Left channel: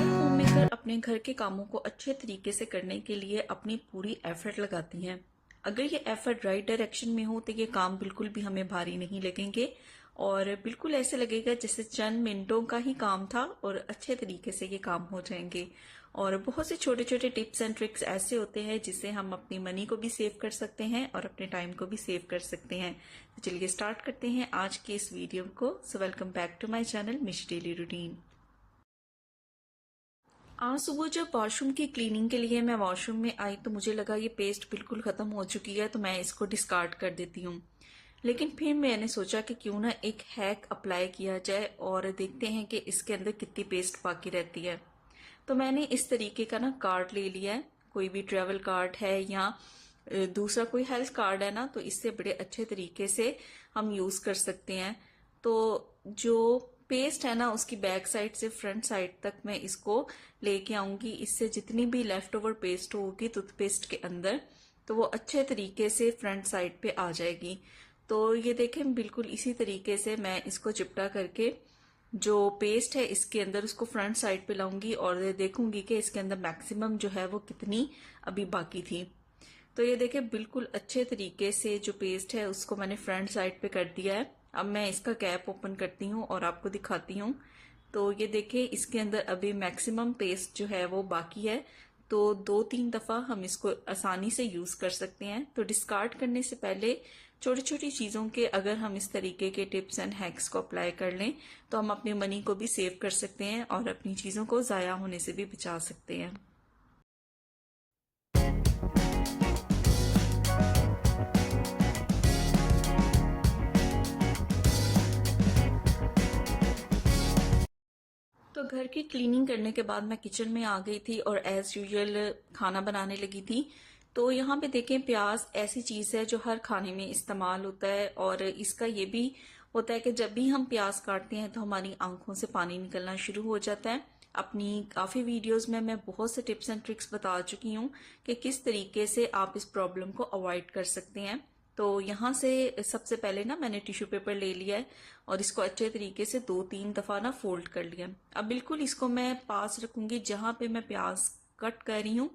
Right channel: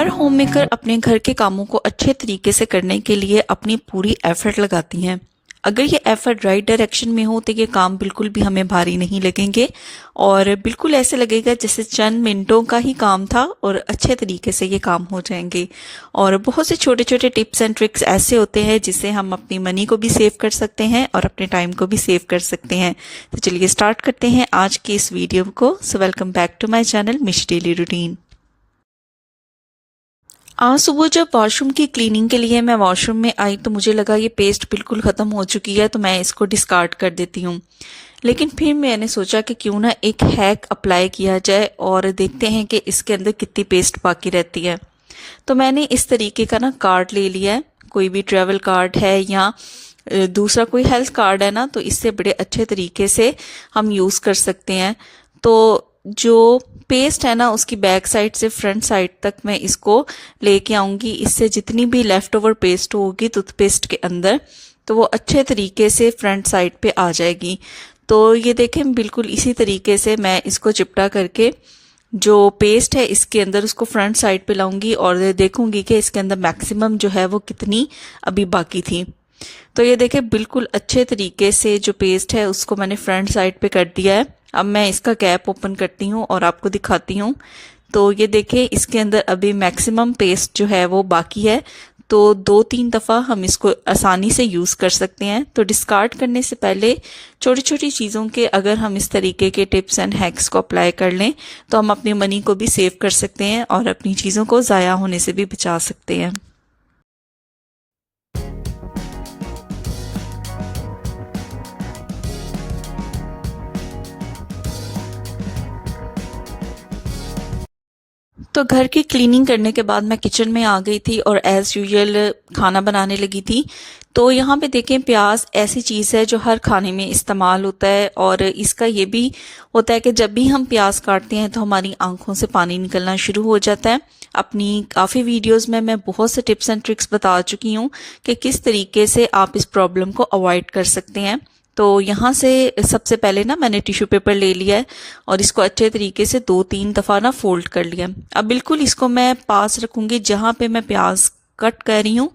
हर homemaker अपने घर के कामों को अच्छे तरीके से करने के लिए अपनी पूरी एफर्ट लगाती हैं। अगर ये एफर्ट राइट डायरेक्शन में हो तो ये काम बिल्कुल भी हमें भारी नहीं लगेंगे और बिल्कुल ऐसे लगेगा जैसे चंद मिनटों का ही काम था और अच्छे तरीके से ये काम हो जाएंगे। और बहुत से छोटे छोटे टिप्स एंड ट्रिक्स ऐसे होते हैं जिससे हम अपनी मनी को भी सेव कर सकते हैं और अपने टाइम को भी सेव कर सकते हैं। तो चलिए स्टार्ट करते हैं आज की इस वीडियो को। So welcome back to my channel Mish daily routine. आज सुबह जब वॉशरूम की क्लीनिंग के लिए मैं वॉशरूम में आई तो मुझे लगा ये पेस्ट बिल्कुल ख़त्म हो चुकी है तो मैं इसको डिस्कार्ड कर देती हूँ। लेकिन फिर मैंने सोचा कि क्यों ना एक हैक अप्लाई किया जाए और देखते हैं कि इसके अंदर कितनी पेस्ट बाकी रहती है। तो मैंने इस तरीके का ना कार्ड ले लिया है, कोई भी ट्रैवल कार्ड है या दूसरा कोई हेल्थ कार्ड है ना, तो इससे बड़े अच्छे तरीके से हम यूज़ कर सकते हैं। तो जो पेस्ट है ना उसकी बैक साइड से फ्रंट साइड तक मैं इसको लेके आऊंगी। इससे जितनी भी लेफ्ट ओवर पेस्ट होगी टूथपेस्ट के अंदर तो वो अच्छे तरीके से फ्रंट साइड पे आ जाएगी। तो ये देखें बिल्कुल इसी तरीके से मैं इसको चिपटा करके जो पेस्ट है इसके अंदर उसको फ्रंट साइड पे लाऊंगी और देखूंगी कि इसके अंदर मैक्सिमम जो है वो कितनी अभी बाकी थी। तो ये देखें बिल्कुल अच्छे तरीके से जो पेस्ट है उसको मैंने फ्रंट साइड पे कर दिया है। अब मैं इसका कैप ओपन करती हूँ और आपको दिखाती हूँ। तो ये देखें इसके अंदर अभी मैक्सिमम पेस्ट जो है वो बाकी है। तो 2-3 दफ़ा हम इसको आसानी से यूज़ कर सकते हैं। तो डिस्कार्ड करने से पहले छोटी छोटी चीज़ों के अगर हम इस तरीके के टिप्स एंड हैक्स को अप्लाई कर लें तो हम अपनी मनी को भी सेव कर सकते हैं और अपनी चीज़ों को ज़ाया होने से भी बचा सकते हैं। तो घर की क्लीनिंग करने के बाद मैं किचन में आ गई थी और एज़ यूजुअल खाना बनाने लगी थी। तो यहाँ पे देखें प्याज ऐसी चीज़ है जो हर खाने में इस्तेमाल होता है और इसका ये भी होता है कि जब भी हम प्याज काटते हैं तो हमारी आंखों से पानी निकलना शुरू हो जाता है। अपनी काफ़ी वीडियोस में मैं बहुत से टिप्स एंड ट्रिक्स बता चुकी हूँ कि किस तरीके से आप इस प्रॉब्लम को अवॉइड कर सकते हैं। तो यहाँ से सबसे पहले ना मैंने टिश्यू पेपर ले लिया है और इसको अच्छे तरीके से 2-3 दफ़ा ना फोल्ड कर लिया। अब बिल्कुल इसको मैं पास रखूंगी जहाँ पे मैं प्याज कट कर रही हूँ,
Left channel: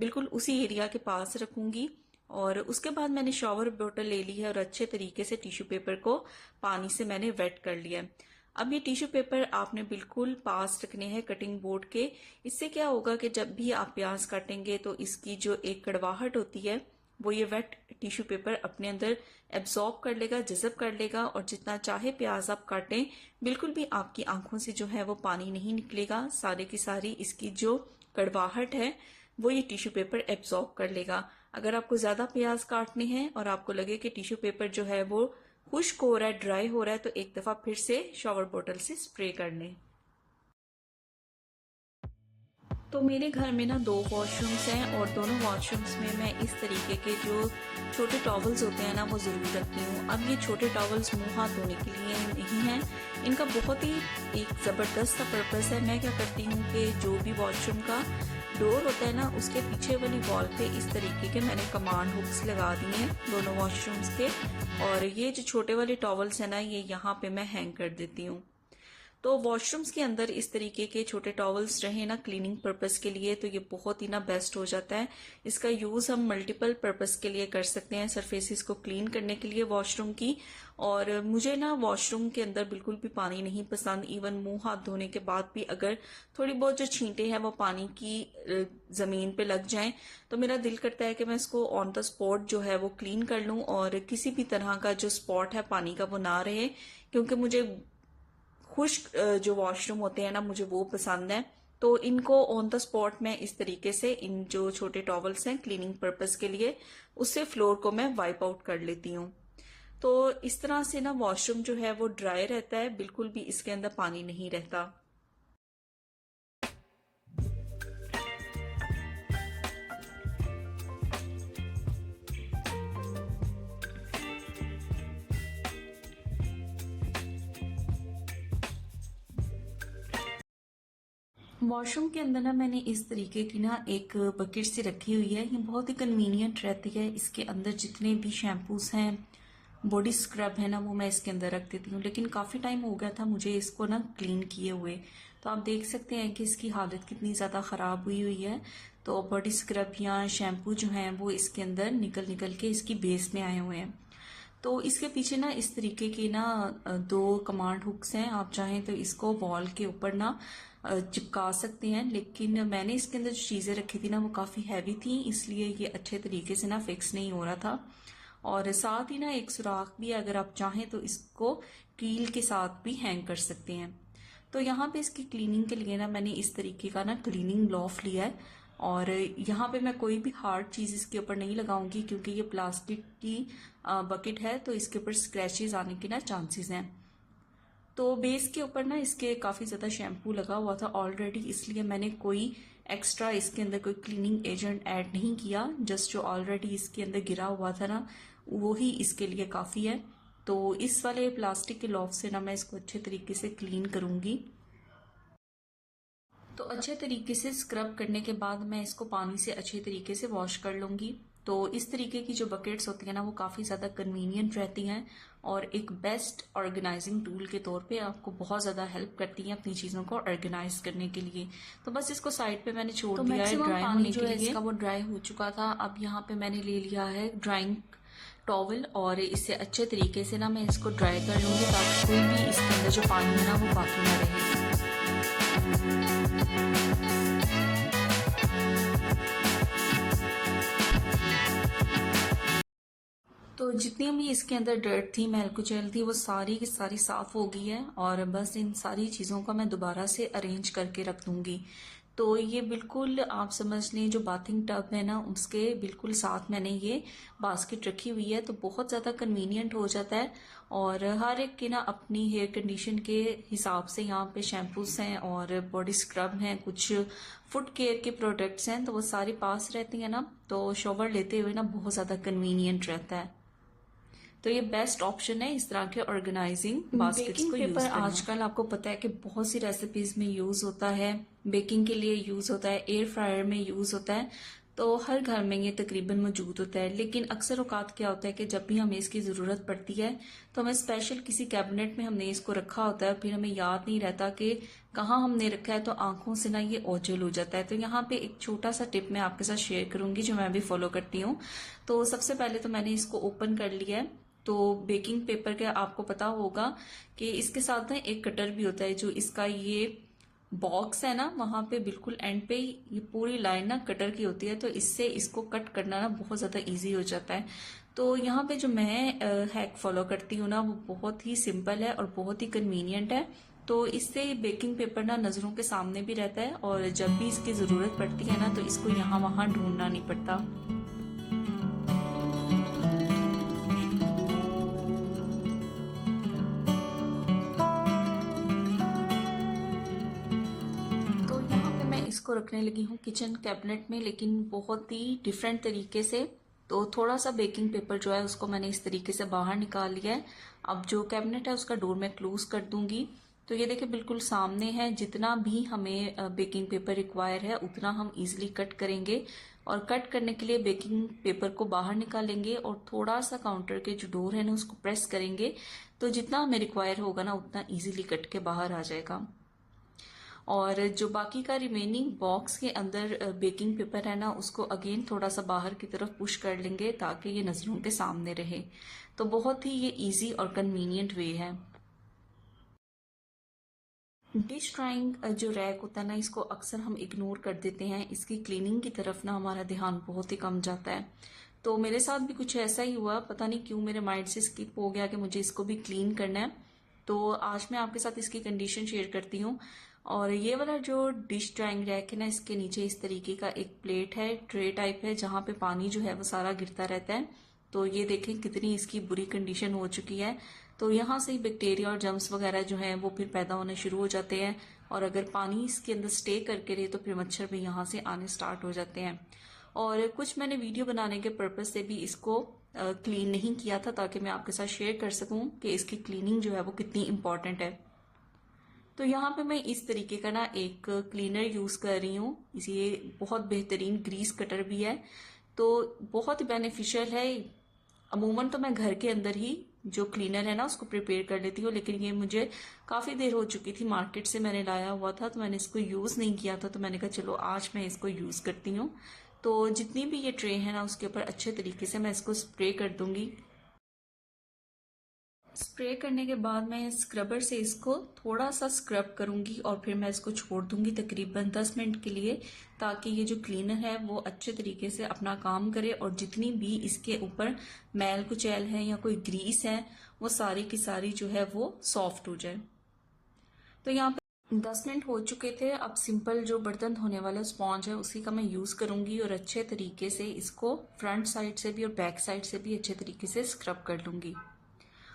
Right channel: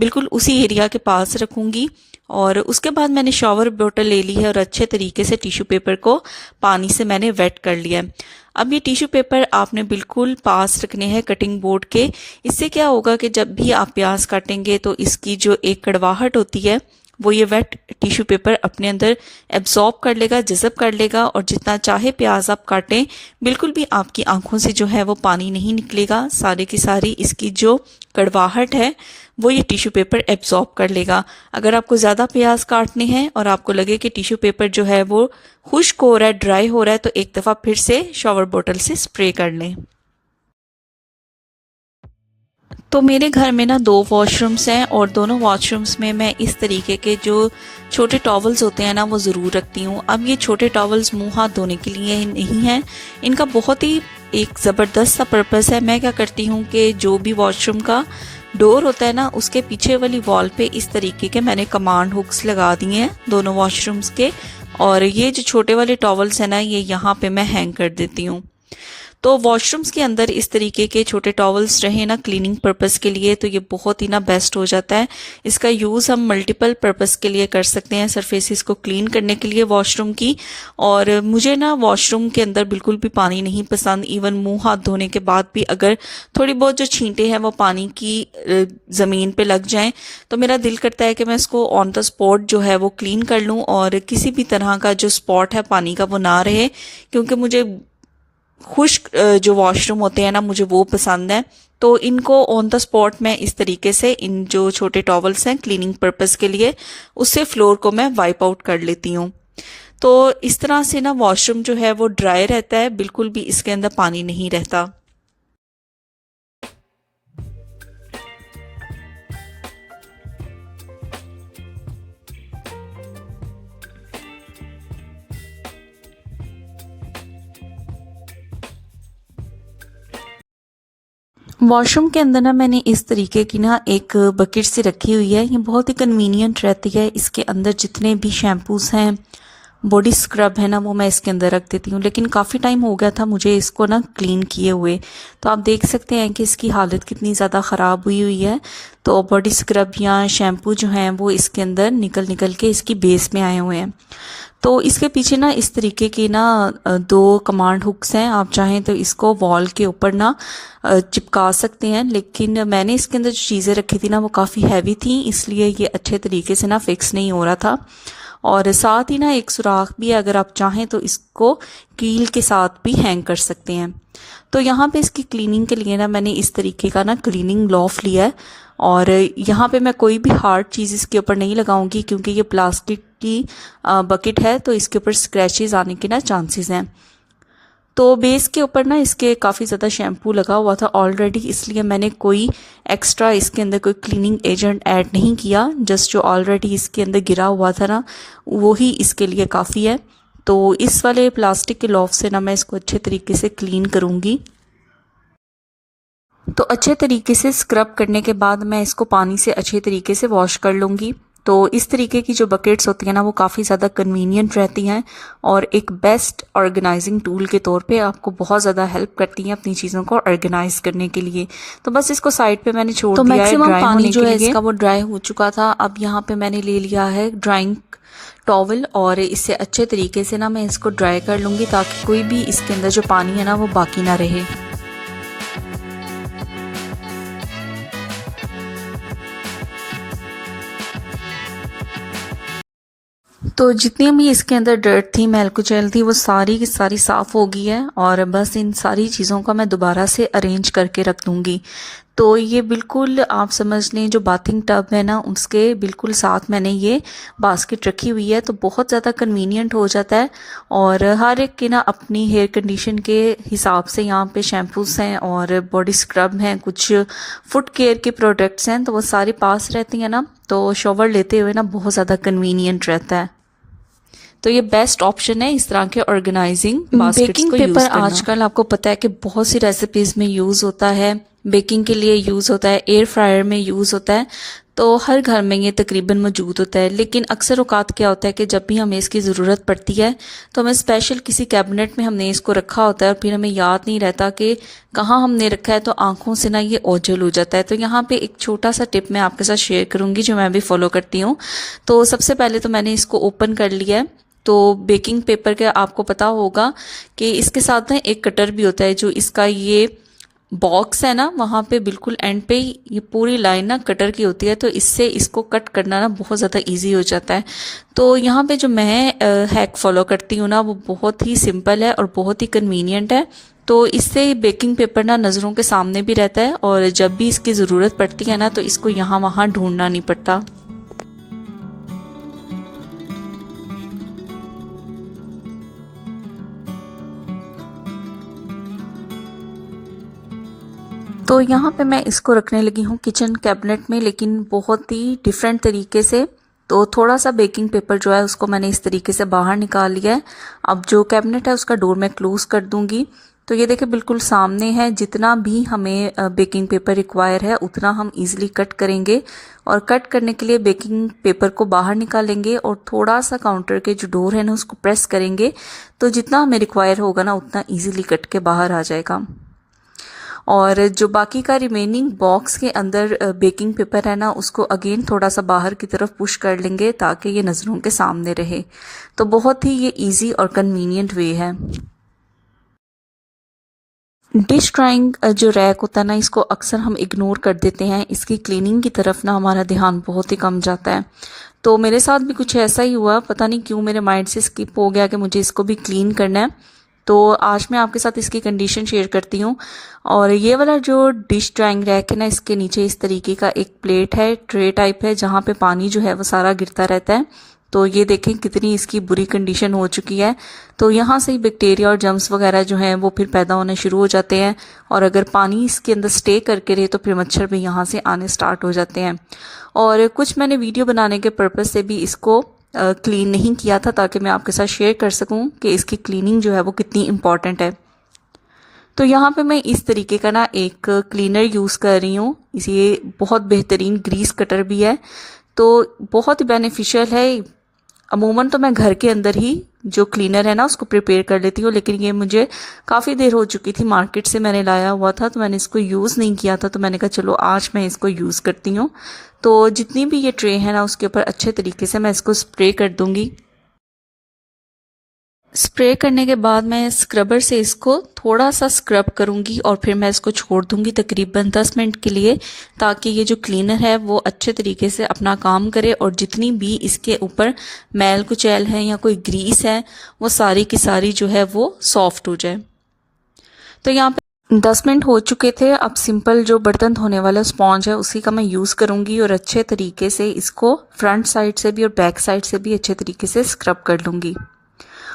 बिल्कुल उसी एरिया के पास रखूंगी। और उसके बाद मैंने शॉवर बोतल ले ली है और अच्छे तरीके से टिश्यू पेपर को पानी से मैंने वेट कर लिया है। अब ये टिश्यू पेपर आपने बिल्कुल पास रखने हैं कटिंग बोर्ड के। इससे क्या होगा कि जब भी आप प्याज काटेंगे तो इसकी जो एक कड़वाहट होती है वो ये वेट टिश्यू पेपर अपने अंदर एब्जॉर्ब कर लेगा, जज़ब कर लेगा और जितना चाहे प्याज आप काटें बिल्कुल भी आपकी आंखों से जो है वो पानी नहीं निकलेगा। सारी की सारी इसकी जो कड़वाहट है वो ये टिश्यू पेपर एब्जॉर्ब कर लेगा। अगर आपको ज़्यादा प्याज काटने हैं और आपको लगे कि टिश्यू पेपर जो है वो खुश्क हो रहा है, ड्राई हो रहा है, तो एक दफ़ा फिर से शॉवर बोतल से स्प्रे कर लें। तो मेरे घर में ना 2 वॉशरूम्स हैं और दोनों वॉशरूम्स में मैं इस तरीके के जो छोटे टॉवल्स होते हैं ना वो ज़रूर रखती हूँ। अब ये छोटे टॉवल्स मुंह हाथ धोने के लिए ही नहीं हैं, इनका बहुत ही एक ज़बरदस्त सा पर्पस है। मैं क्या करती हूँ कि जो भी वॉशरूम का डोर होता है ना उसके पीछे वाली वॉल पे इस तरीके के मैंने कमांड हुक्स लगा दिए हैं दोनों वॉशरूम्स के। और ये जो छोटे वाले टॉवल्स हैं ना ये यहाँ पे मैं हैंग कर देती हूँ। तो वॉशरूम्स के अंदर इस तरीके के छोटे टॉवल्स रहे ना क्लीनिंग पर्पस के लिए तो ये बहुत ही ना बेस्ट हो जाता है। इसका यूज़ हम मल्टीपल पर्पस के लिए कर सकते हैं, सरफेसेस को क्लीन करने के लिए वॉशरूम की। और मुझे ना वॉशरूम के अंदर बिल्कुल भी पानी नहीं पसंद। इवन मुंह हाथ धोने के बाद भी अगर थोड़ी बहुत जो छींटे हैं वो पानी की ज़मीन पे लग जाएं तो मेरा दिल करता है कि मैं इसको ऑन द स्पॉट जो है वो क्लीन कर लूँ और किसी भी तरह का जो स्पॉट है पानी का वो ना रहे, क्योंकि मुझे खुश्क जो वॉशरूम होते हैं ना मुझे वो पसंद है। तो इनको ऑन द स्पॉट मैं इस तरीके से इन जो छोटे टॉवल्स हैं क्लीनिंग पर्पस के लिए उससे फ्लोर को मैं वाइप आउट कर लेती हूँ। तो इस तरह से ना वॉशरूम जो है वो ड्राई रहता है, बिल्कुल भी इसके अंदर पानी नहीं रहता। वॉशरूम के अंदर ना मैंने इस तरीके की ना एक बकेट सी रखी हुई है। ये बहुत ही कन्वीनियंट रहती है। इसके अंदर जितने भी शैम्पूज़ हैं बॉडी स्क्रब है ना वो मैं इसके अंदर रख देती हूँ। लेकिन काफ़ी टाइम हो गया था मुझे इसको ना क्लीन किए हुए, तो आप देख सकते हैं कि इसकी हालत कितनी ज़्यादा ख़राब हुई हुई है। तो बॉडी स्क्रब या शैम्पू जो हैं वो इसके अंदर निकल निकल के इसकी बेस में आए हुए हैं। तो इसके पीछे ना इस तरीके की ना दो कमांड हुक्स हैं, आप चाहें तो इसको वॉल के ऊपर ना चिपका सकते हैं। लेकिन मैंने इसके अंदर जो चीज़ें रखी थी ना वो काफ़ी हैवी थी, इसलिए ये अच्छे तरीके से ना फिक्स नहीं हो रहा था। और साथ ही ना एक सुराख भी है, अगर आप चाहें तो इसको कील के साथ भी हैंग कर सकते हैं। तो यहाँ पे इसकी क्लीनिंग के लिए ना मैंने इस तरीके का ना क्लीनिंग ग्लोव लिया है। और यहाँ पे मैं कोई भी हार्ड चीज़ इसके ऊपर नहीं लगाऊंगी, क्योंकि ये प्लास्टिक की बकेट है, तो इसके ऊपर स्क्रैचेस आने के ना चांसेस हैं। तो बेस के ऊपर ना इसके काफ़ी ज़्यादा शैम्पू लगा हुआ था ऑलरेडी, इसलिए मैंने कोई एक्स्ट्रा इसके अंदर कोई क्लीनिंग एजेंट ऐड नहीं किया। जस्ट जो ऑलरेडी इसके अंदर गिरा हुआ था ना वो ही इसके लिए काफ़ी है। तो इस वाले प्लास्टिक के ग्लोव से ना मैं इसको अच्छे तरीके से क्लीन करूँगी। तो अच्छे तरीके से स्क्रब करने के बाद मैं इसको पानी से अच्छे तरीके से वॉश कर लूँगी। तो इस तरीके की जो बकेट्स होती हैं ना वो काफ़ी ज़्यादा कन्वीनियंट रहती हैं और एक बेस्ट ऑर्गेनाइजिंग टूल के तौर पे आपको बहुत ज़्यादा हेल्प करती हैं अपनी चीज़ों को ऑर्गेनाइज करने के लिए। तो बस इसको साइड पे मैंने छोड़ दिया है ड्राई होने के लिए। इसका वो ड्राई हो चुका था। अब यहाँ पे मैंने ले लिया है ड्राइंग टॉवल और इससे अच्छे तरीके से ना मैं इसको ड्राई कर लूँगी, ताकि कोई भी इसके अंदर जो पानी है ना वो बाकी ना रहे। तो जितनी भी इसके अंदर डर्ट थी, मैल कुचैल थी, वो सारी की सारी साफ़ हो गई है। और बस इन सारी चीज़ों का मैं दोबारा से अरेंज करके रख दूँगी। तो ये बिल्कुल आप समझ लें जो बाथिंग टब है ना उसके बिल्कुल साथ मैंने ये बास्केट रखी हुई है, तो बहुत ज़्यादा कन्वीनियंट हो जाता है। और हर एक की ना अपनी हेयर कंडीशन के हिसाब से यहाँ पे शैम्पूस हैं और बॉडी स्क्रब हैं, कुछ फुट केयर के प्रोडक्ट्स हैं, तो वो सारे पास रहती हैं ना, तो शॉवर लेते हुए ना बहुत ज़्यादा कन्वीनियंट रहता है। तो ये बेस्ट ऑप्शन है इस तरह के ऑर्गेनाइजिंग बास्केट्स को यूज करना। पेपर आजकल आपको पता है कि बहुत सी रेसिपीज में यूज होता है, बेकिंग के लिए यूज होता है, एयर फ्रायर में यूज होता है, तो हर घर में ये तकरीबन मौजूद होता है। लेकिन अक्सर औकात क्या होता है कि जब भी हमें इसकी ज़रूरत पड़ती है तो हमें स्पेशल किसी कैबिनेट में हमने इसको रखा होता है और फिर हमें याद नहीं रहता कि कहाँ हमने रखा है, तो आंखों से ना ये ओझल हो जाता है। तो यहाँ पे एक छोटा सा टिप मैं आपके साथ शेयर करूँगी जो मैं भी फॉलो करती हूँ। तो सबसे पहले तो मैंने इसको ओपन कर लिया है। तो बेकिंग पेपर के आपको पता होगा कि इसके साथ ना एक कटर भी होता है, जो इसका ये बॉक्स है ना वहाँ पे बिल्कुल एंड पे ये पूरी लाइन ना कटर की होती है, तो इससे इसको कट करना ना बहुत ज़्यादा इजी हो जाता है। तो यहाँ पे जो मैं हैक फॉलो करती हूँ ना वो बहुत ही सिंपल है और बहुत ही कन्वीनियंट है। तो इससे बेकिंग पेपर ना नज़रों के सामने भी रहता है और जब भी इसकी ज़रूरत पड़ती है ना तो इसको यहाँ वहाँ ढूंढना नहीं पड़ता। तो यहाँ पे मैं इसको रखने लगी हूँ किचन कैबिनेट में, लेकिन बहुत ही डिफरेंट तरीके से। तो थोड़ा सा बेकिंग पेपर जो है उसको मैंने इस तरीके से बाहर निकाल लिया है। अब जो कैबिनेट है उसका डोर मैं क्लोज कर दूंगी। तो ये देखिए बिल्कुल सामने है, जितना भी हमें बेकिंग पेपर रिक्वायर है उतना हम इजीली कट करेंगे। और कट करने के लिए बेकिंग पेपर को बाहर निकालेंगे और थोड़ा सा काउंटर के जो डोर है ना उसको प्रेस करेंगे, तो जितना हमें रिक्वायर होगा ना उतना ईजिली कट के बाहर आ जाएगा। और जो बाकी का रिमेनिंग बॉक्स के अंदर बेकिंग पेपर है ना उसको अगेन थोड़ा सा बाहर की तरफ पुश कर लेंगे ताकि ये नज़रों के सामने रहे। तो बहुत ही ये इजी और कन्वीनियंट वे है। डिश ड्राइंग जो रैक होता है ना इसको अक्सर हम इग्नोर कर देते हैं, इसकी क्लीनिंग की तरफ ना हमारा ध्यान बहुत ही कम जाता है। तो मेरे साथ भी कुछ ऐसा ही हुआ, पता नहीं क्यों मेरे माइंड से स्किप हो गया कि मुझे इसको भी क्लीन करना है। तो आज मैं आपके साथ इसकी कंडीशन शेयर करती हूँ। और ये वाला जो डिश ड्राइंग रैक है ना इसके नीचे इस तरीके का एक प्लेट है, ट्रे टाइप है, जहाँ पे पानी जो है वो सारा गिरता रहता है। तो ये देखें कितनी इसकी बुरी कंडीशन हो चुकी है। तो यहाँ से ही बैक्टीरिया और जर्म्स वगैरह जो हैं वो फिर पैदा होने शुरू हो जाते हैं, और अगर पानी इसके अंदर स्टे करके रहे तो फिर मच्छर भी यहाँ से आने स्टार्ट हो जाते हैं। और कुछ मैंने वीडियो बनाने के पर्पज़ से भी इसको क्लीन नहीं किया था, ताकि मैं आपके साथ शेयर कर सकूं कि इसकी क्लीनिंग जो है वो कितनी इम्पॉर्टेंट है। तो यहाँ पे मैं इस तरीके का ना एक क्लीनर यूज़ कर रही हूँ। ये बहुत बेहतरीन ग्रीस कटर भी है, तो बहुत ही बेनिफिशियल है। अमूमन तो मैं घर के अंदर ही जो क्लीनर है ना उसको प्रिपेयर कर लेती हूँ। लेकिन ये मुझे काफ़ी देर हो चुकी थी, मार्केट से मैंने लाया हुआ था, तो मैंने इसको यूज़ नहीं किया था, तो मैंने कहा चलो आज मैं इसको यूज़ करती हूँ। तो जितनी भी ये ट्रे है ना उसके ऊपर अच्छे तरीके से मैं इसको स्प्रे कर दूँगी। स्प्रे करने के बाद मैं स्क्रबर से इसको थोड़ा सा स्क्रब करूंगी और फिर मैं इसको छोड़ दूंगी तकरीबन 10 मिनट के लिए, ताकि ये जो क्लीनर है वो अच्छे तरीके से अपना काम करे और जितनी भी इसके ऊपर मैल कुचैल है या कोई ग्रीस है वो सारी की सारी जो है वो सॉफ्ट हो जाए। तो यहाँ पे 10 मिनट हो चुके थे। अब सिंपल जो बर्तन धोने वाला स्पॉन्ज है उसी का मैं यूज़ करूँगी और अच्छे तरीके से इसको फ्रंट साइड से भी और बैक साइड से भी अच्छे तरीके से स्क्रब कर लूँगी।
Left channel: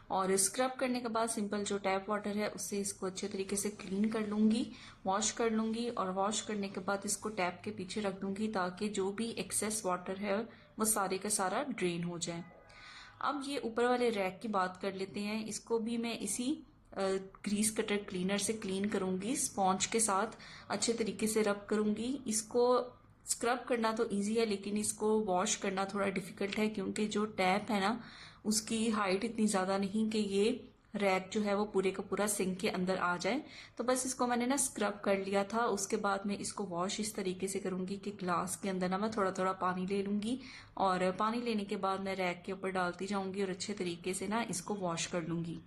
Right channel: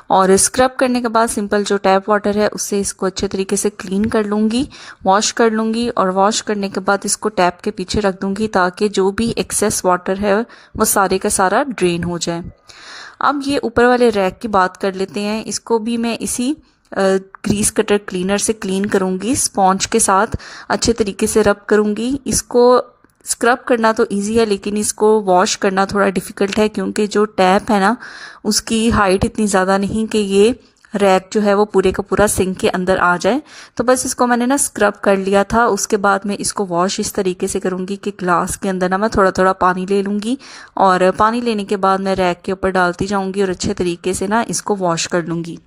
और स्क्रब करने के बाद सिंपल जो टैप वाटर है उससे इसको अच्छे तरीके से क्लीन कर लूँगी, वॉश कर लूँगी। और वॉश करने के बाद इसको टैप के पीछे रख दूँगी ताकि जो भी एक्सेस वाटर है वो सारे का सारा ड्रेन हो जाए। अब ये ऊपर वाले रैक की बात कर लेते हैं। इसको भी मैं इसी ग्रीस कटर क्लीनर से क्लीन करूँगी, स्पॉन्ज के साथ अच्छे तरीके से रब करूँगी। इसको स्क्रब करना तो इजी है लेकिन इसको वॉश करना थोड़ा डिफ़िकल्ट है, क्योंकि जो टैप है ना उसकी हाइट इतनी ज़्यादा नहीं कि ये रैक जो है वो पूरे का पूरा सिंक के अंदर आ जाए। तो बस इसको मैंने ना स्क्रब कर लिया था। उसके बाद मैं इसको वॉश इस तरीके से करूँगी कि ग्लास के अंदर ना मैं थोड़ा थोड़ा पानी ले लूँगी और पानी लेने के बाद मैं रैक के ऊपर डालती जाऊँगी और अच्छे तरीके से ना इसको वॉश कर लूँगी।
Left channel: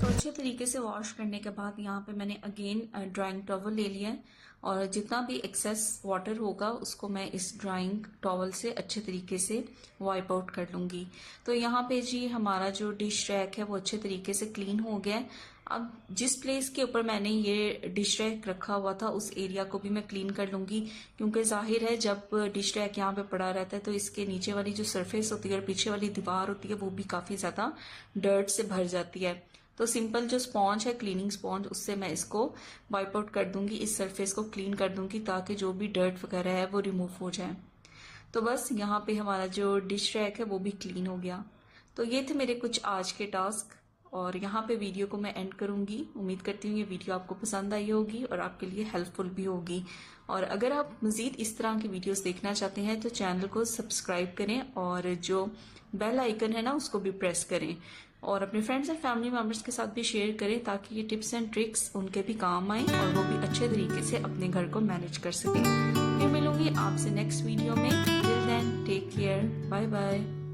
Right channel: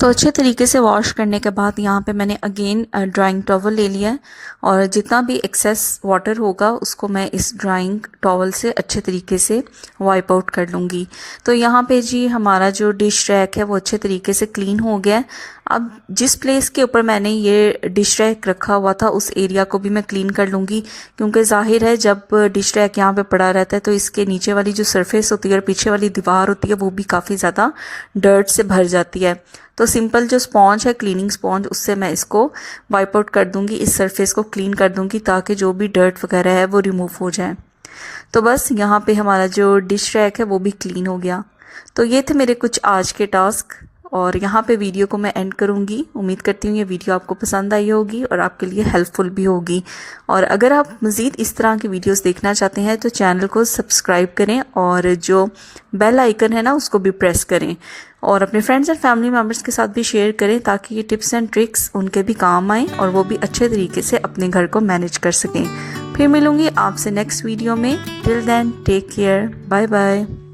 तो अच्छे तरीके से वॉश करने के बाद यहाँ पे मैंने अगेन ड्राइंग टॉवल ले लिया है और जितना भी एक्सेस वाटर होगा उसको मैं इस ड्राइंग टॉवल से अच्छे तरीके से वाइप आउट कर लूँगी। तो यहाँ पे जी हमारा जो डिश रैक है वो अच्छे तरीके से क्लीन हो गया है। अब जिस प्लेस के ऊपर मैंने ये डिश रैक रखा हुआ था उस एरिया को भी मैं क्लीन कर लूँगी, क्योंकि जाहिर है जब डिश रैक यहाँ पे पड़ा रहता है तो इसके नीचे वाली जो सरफेस होती है और पीछे वाली दीवार होती है वो भी काफ़ी ज़्यादा डर्ट से भर जाती है। तो सिंपल जो स्पॉन्ज है क्लीनिंग स्पॉन्ज उससे मैं इसको वाइप आउट कर दूंगी, इस सरफेस को क्लीन कर दूंगी ताकि जो भी डर्ट वगैरह है वो रिमूव हो जाए। तो बस यहाँ पे हमारा जो डिश रैक है वो भी क्लीन हो गया। तो ये थे मेरे कुछ आज के टास्क और यहाँ पे वीडियो को मैं एंड करूँगी। उम्मीद करती हूँ ये वीडियो आपको पसंद आई होगी और आपके लिए हेल्पफुल भी होगी। और अगर आप मज़ीद इस तरह की वीडियोस देखना चाहते हैं तो चैनल को सब्सक्राइब करें और जो बेल आइकन है ना उसको भी प्रेस करें और अपने फ्रेंड्स एंड फैमिली मेम्बर्स के साथ भी शेयर करें ताकि ये टिप्स एंड ट्रिक्स उनके भी काम आएँ और वो भी अच्छे तरीके से अपने घर को मैनेज कर सकें। फिर मिलूँगी आपसे नेक्स्ट वीडियो में। Till then take care, bye bye.